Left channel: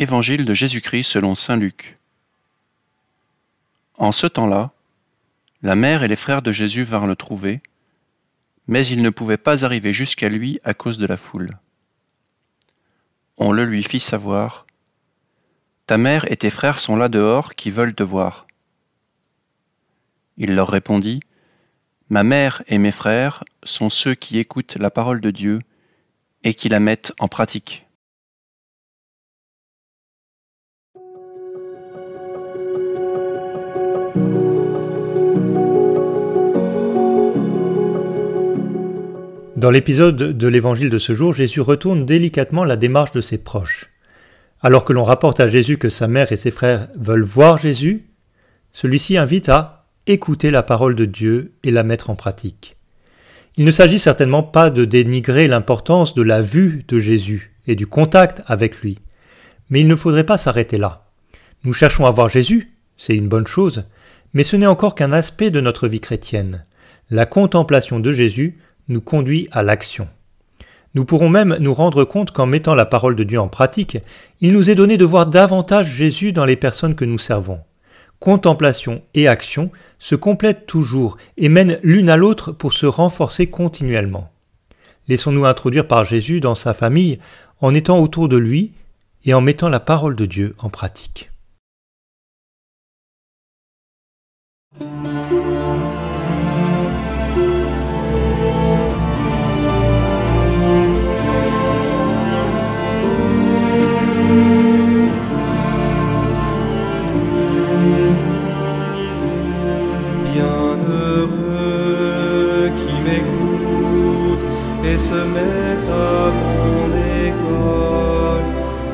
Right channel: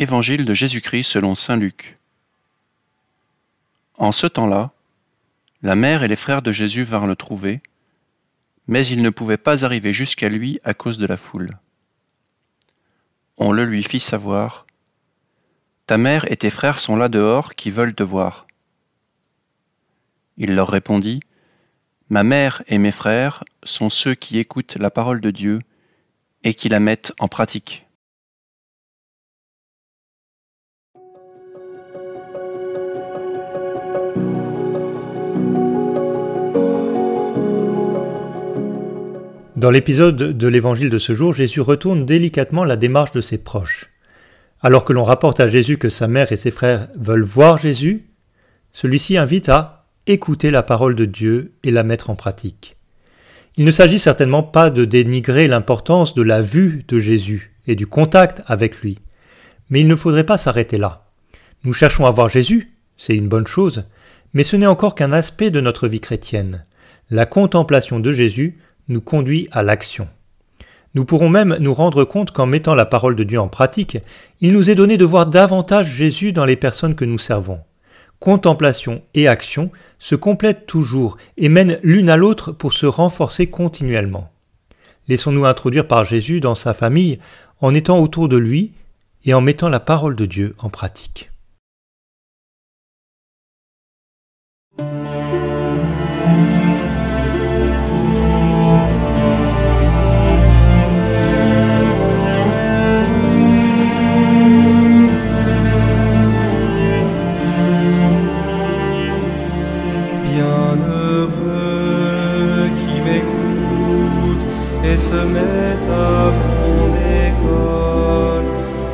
Évangile de Jésus-Christ selon saint Luc. En ce temps-là, la mère et les frères de Jésus vinrent le trouver, mais ils ne pouvaient pas arriver jusqu'à lui à cause de la foule. On le lui fit savoir. Ta mère et tes frères sont là dehors qui veulent te voir. Il leur répondit, Ma mère et mes frères sont ceux qui écoutent la parole de Dieu et qui la mettent en pratique. Dans l'épisode de l'évangile de ce jour, Jésus retourne délicatement la démarche de ses proches. Alors que l'on rapporte à Jésus que sa mère et ses frères veulent voir Jésus, celui-ci invite à écouter la parole de Dieu et la mettre en pratique. Il ne s'agit certainement pas de dénigrer l'importance de la vue de Jésus et du contact avec lui, mais il ne faudrait pas s'arrêter là. Nous cherchons à voir Jésus, c'est une bonne chose, mais ce n'est encore qu'un aspect de notre vie chrétienne. La contemplation de Jésus nous conduit à l'action. Nous pourrons même nous rendre compte qu'en mettant la parole de Dieu en pratique, il nous est donné de voir davantage Jésus dans les personnes que nous servons. Contemplation et action se complètent toujours et mènent l'une à l'autre pour se renforcer continuellement. Laissons-nous introduire par Jésus dans sa famille en étant autour de lui et en mettant la parole de Dieu en pratique. Bienheureux qui m'écoute et se met à mon école,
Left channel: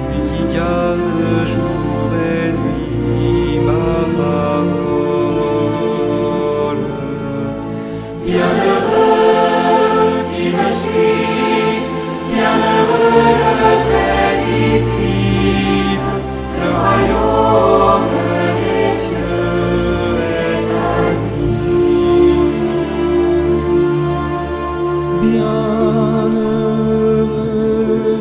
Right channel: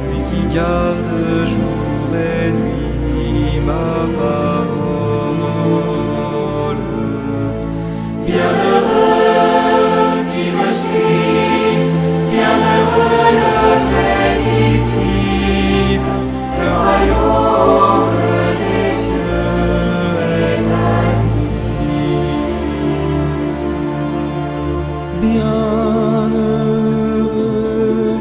lui qui garde jour et nuit ma parole. Bienheureux qui me suit, bienheureux le vrai disciple, le royaume des cieux. Bienheureux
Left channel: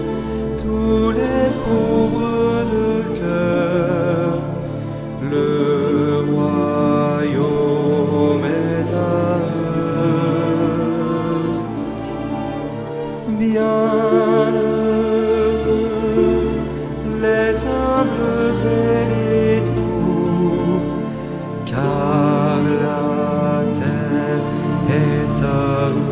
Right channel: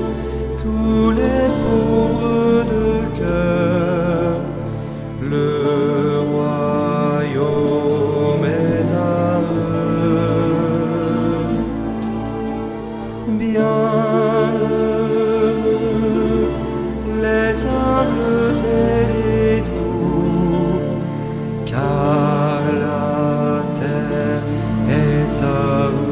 tous les pauvres de cœur, le royaume est à eux. Bienheureux les humbles et les doux, car la terre est à eux.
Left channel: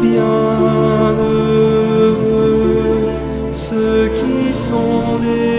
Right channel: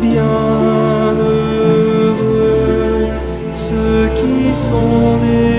Bienheureux ceux qui sont des